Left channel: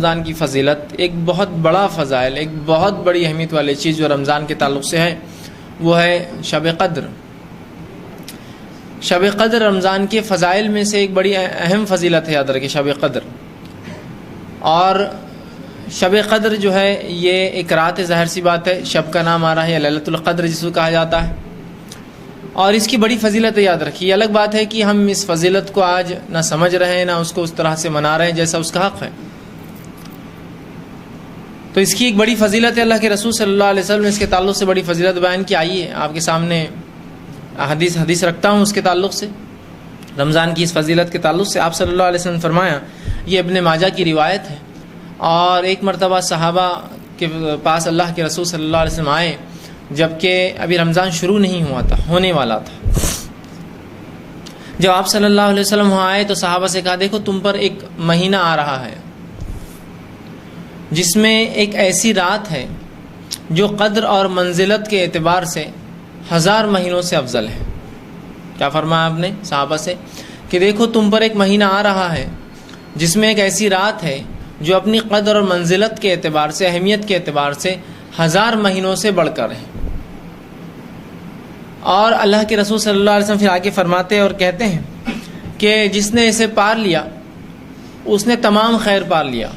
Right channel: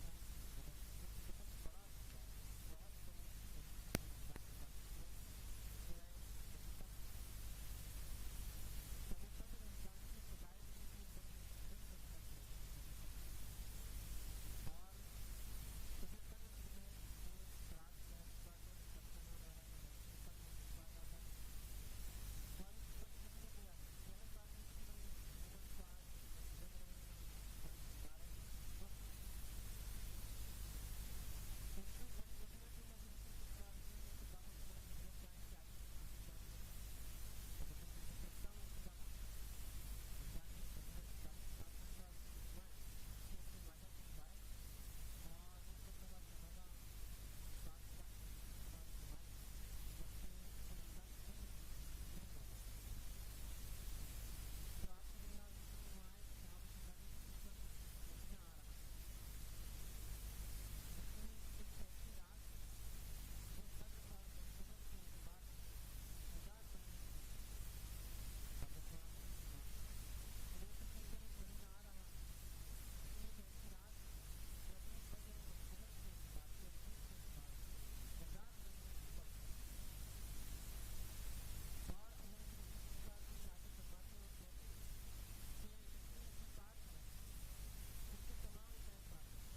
رمضان کی فضیلت، ایک بہت بڑا فضائل، ایک بہت بڑی اہمیت والی چیز جو رمضان کے تعلق سے ہے وہ ہے شب قدر۔ شب قدر رمضان کے فضائل میں سے ایک بڑی اہم فضیلت ہے، یاد رکھیں شب قدر۔ اور شب قدر جو ہے یہ ایک رات، ظاہر سی بات ہے، شب کا نام آ رہا ہے، لیلۃ القدر جس کو کہا جاتا ہے، اور اس کی بڑی فضیلت ہے، یاد رکھیے۔ الگ بات ہے کہ ہم اس فضیلت کو آج نہ سمجھ رہے ہیں، نہ اس کو اس طرح سے منا رہے ہیں جیسا اس کا حق ہے۔ تو اس کی ایک بڑی فضیلت ہے، اللہ کے رسول صلی اللہ علیہ وسلم نے اس کے تعلق سے بڑی فضیلت بیان کی۔ آئیے آپ کے سامنے حدیث رکھتا ہوں اس کے تعلق سے، رمضان کی اس فضیلت کے تعلق سے۔ آپ صلی اللہ علیہ وسلم نے فرمایا، یہ ابن ماجہ کی روایت ہے، اور ایک مرتبہ صحابہ کے پاس اللہ کے رسول صلی اللہ علیہ وسلم آئے جبکہ ابھی رمضان شروع نہیں ہوا تھا، ہونے والا تھا۔ جب آپ صلی اللہ علیہ وسلم وہاں آئے تو صحابہ سے کہا، دیکھو تم پر ایک مہینہ آ رہا ہے جس میں ایک ایسی رات ہے جو قدر اور منزلت کے اعتبار سے 1000 مہینوں سے افضل ہے۔ کیا فرمایا آپ نے صحابہ سے کہ دیکھو تم پر ایک مہینہ آ رہا ہے جس میں ایک ایسی رات ہے جو اپنی قدر اور منزلت کے اعتبار سے، اہمیت کے اعتبار سے 1000 مہینوں سے بڑھ کر ہے۔ اور اللہ کے رسول صلی اللہ علیہ وسلم پھر آگے فرماتے اور کہتے ہیں کہ جس نے اسے پار لیا اس نے تمام خیر پار لیا،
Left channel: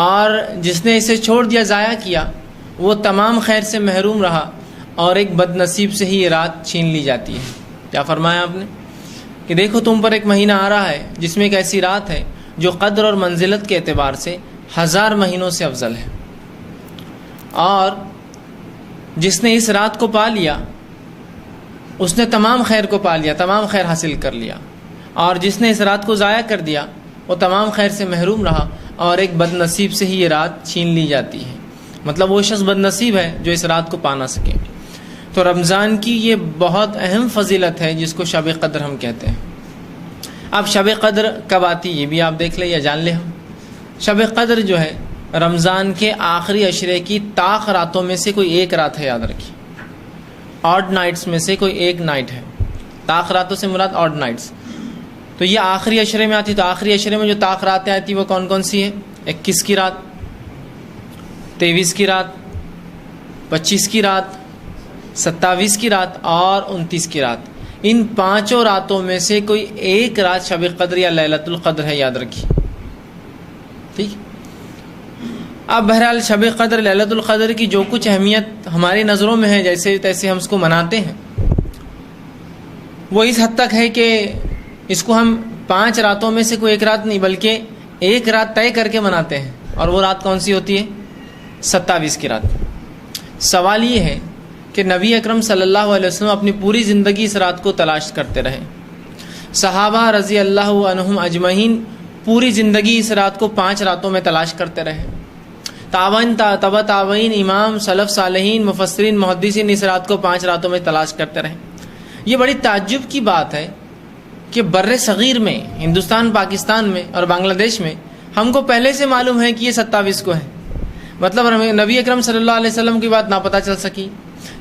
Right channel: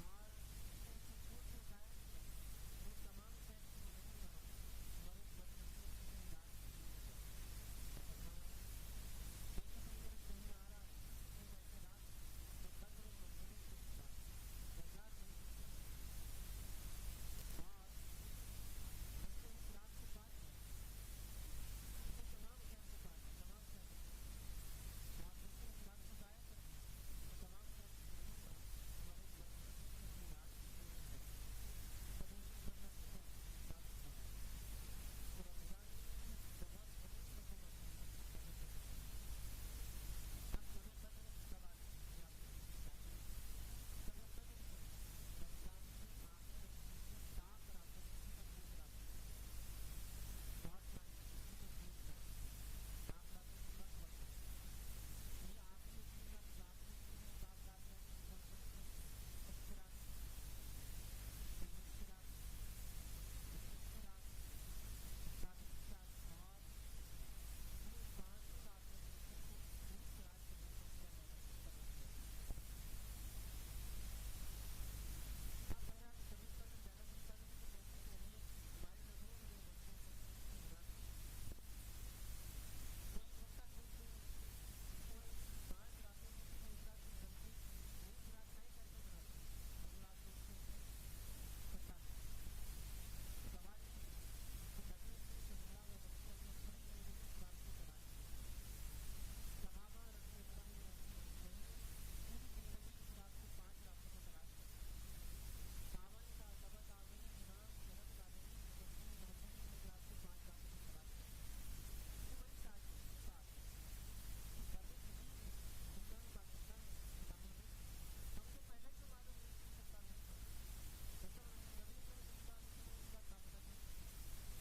اور جس نے اسے چھوڑ دیا، ضائع کیا، وہ تمام خیر سے محروم رہا، اور ایک بد نصیب سے ہی یہ رات چھین لی جاتی ہے۔ کیا فرمایا آپ نے کہ دیکھو تم پر ایک مہینہ آ رہا ہے جس میں ایک ایسی رات ہے جو قدر اور منزلت کے اعتبار سے 1000 مہینوں سے افضل ہے، اور جس نے اس رات کو پا لیا اس نے تمام خیر کو پا لیا، تمام خیر حاصل کر لیا، اور جس نے اس رات کو ضائع کر دیا وہ تمام خیر سے محروم رہا، اور ایک بد نصیب سے ہی یہ رات چھین لی جاتی ہے۔ مطلب وہ شخص بد نصیب ہے جو اس رات کو پا نہ سکے۔ تو رمضان کی یہ بہت اہم فضیلت ہے جس کو شب قدر ہم کہتے ہیں۔ اب شب قدر کب آتی یہ بھی آپ دیکھ لیں یا جان لیں ہم۔ شب قدر جو ہے رمضان کے آخری عشرے کی طاق راتوں میں سے کوئی ایک رات ہے، یاد رکھیے، آڈ نائٹس میں سے کوئی ایک نائٹ ہے۔ طاق راتوں سے مراد آڈ نائٹس، تو یہ آخری عشرے میں آتی۔ تو آخری عشرے میں جو طاق راتیں آتی وہ کون کون سی ہیں؟ 21 کی رات، 23 کی رات، 25 کی رات، 27 کی رات اور 29 کی رات۔ ان 5 راتوں میں سے کوئی ایک رات شب قدر یا لیلۃ القدر ہے، یاد رکھیے، ٹھیک۔ اب بہرحال شب قدر، لیلۃ القدر کی جو کچھ اہمیت ہماری نظروں میں ہے، جیسے تیسے ہم اس کو مناتے ہیں، وہ اس حد تک ہے کہ اس کو ہم 5 راتوں میں سے کوئی ایک رات نہیں بلکہ ایک رات طے کر کے مناتے ہیں، اور وہ رات کون سی ہوتی ہے؟ 27 کی رات۔ سوال یہ ہے کہ نبی اکرم صلی اللہ علیہ وسلم اپنی پوری زندگی اس رات کو تلاش کرتے رہے، صحابہ رضی اللہ عنہم اجمعین پوری زندگی اس رات کو 5 راتوں میں تلاش کرتے رہے، تبع تابعین، امام، سلف صالحین، مفسرین، محدثین اس رات کو 5 راتوں میں تلاش کرتے رہے۔ یہ بڑی تعجب کی بات ہے کہ بر صغیر میں، ہندوستان، پاکستان میں اور بنگلہ دیش میں ہم کو پہلے سے معلوم ہے کہ یہ 27 کو ہے، مطلب نبی اکرم صلی اللہ علیہ وسلم کی بات نہ پتہ چل سکی،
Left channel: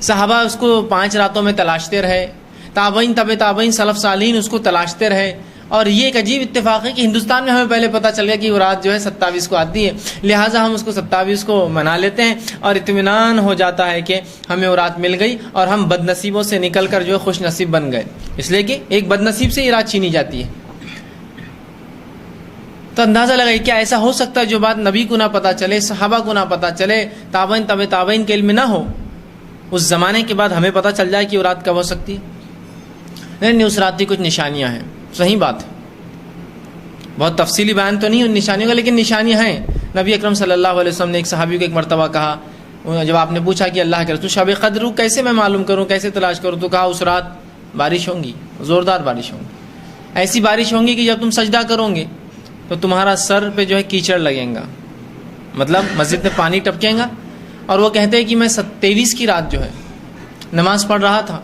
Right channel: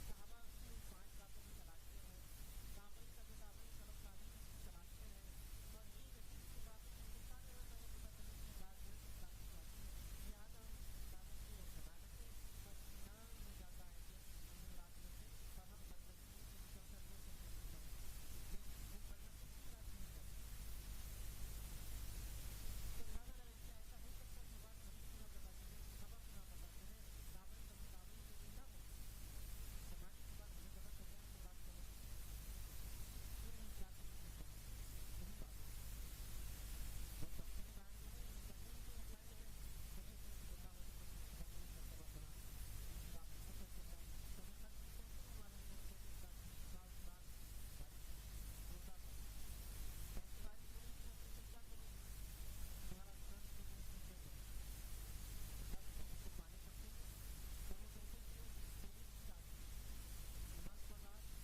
صحابہ اس کو 5 راتوں میں تلاشتے رہے، تابعین، تبع تابعین، سلف صالحین اس کو تلاشتے رہے، اور یہ ایک عجیب اتفاق ہے کہ ہندوستان میں ہمیں پہلے پتہ چل گیا کہ وہ رات جو ہے 27 کو آتی ہے، لہٰذا ہم اس کو 27 کو منا لیتے ہیں، اور اطمینان ہو جاتا ہے کہ ہمیں وہ رات مل گئی اور ہم بد نصیبوں سے نکل کر جو ہے خوش نصیب بن گئے، اس لیے کہ ایک بد نصیب سے یہ رات چھینی جاتی ہے۔ تو اندازہ لگائیے کیا ایسا ہو سکتا ہے جو بات نبی کو نہ پتہ چلے، صحابہ کو نہ پتہ چلے، تابعین، تبع تابعین کے علم نہ ہو، اس زمانے کے بعد ہمیں پتہ چل جائے کہ وہ رات کب ہو سکتی ہے؟ نہیں، اس رات کی کچھ نشانیاں ہیں، صحیح بات ہے، بہت تفصیلی بیان تو نہیں ان نشانیوں کا، لیکن نشانیاں ہیں۔ نبی اکرم صلی اللہ علیہ وسلم نے ایک صحابی کو ایک مرتبہ کہا، جب آپ نے پوچھا کہ اللہ کے رسول شب قدر کیسے میں معلوم کروں، کیسے تلاش کروں، تو کہا اس رات بارش ہوں گی، زوردار بارش ہوں گی، ایسی بارش ہوں گی کہ جب تم سجدہ کرو گے تو تمہارا سر پہ جو ہے کیچڑ لگیں گا، مطلب مسجد میں پانی ٹپکیں گا۔ اور وہ کہتے ہیں کہ میں 23 کی رات جو ہے نماز پڑھ رہا تھا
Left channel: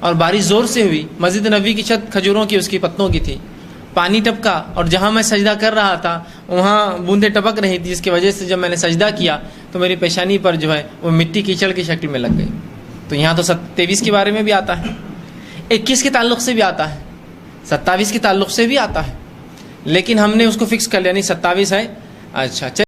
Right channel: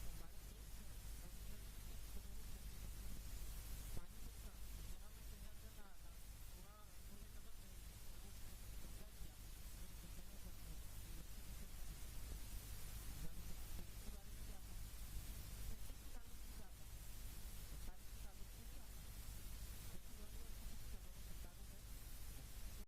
اور بارش زور سے ہوئی، مسجد نبوی کی چھت کھجوروں کی، اس کی پتوں کی تھی، پانی ٹپکا، اور جہاں میں سجدہ کر رہا تھا وہاں بوندیں ٹپک رہی تھی، جس کی وجہ سے جب میں نے سجدہ کیا تو میری پیشانی پر جو ہے وہ مٹی کیچڑ کی شکل میں لگ گئی۔ تو یہاں تو 23 کے بارے میں بھی آتا ہے، 21 کے تعلق سے بھی آتا ہے، 27 کے تعلق سے بھی آتا ہے، لیکن ہم نے اس کو فکس کر لیا، نہیں 27 ہے، اچھا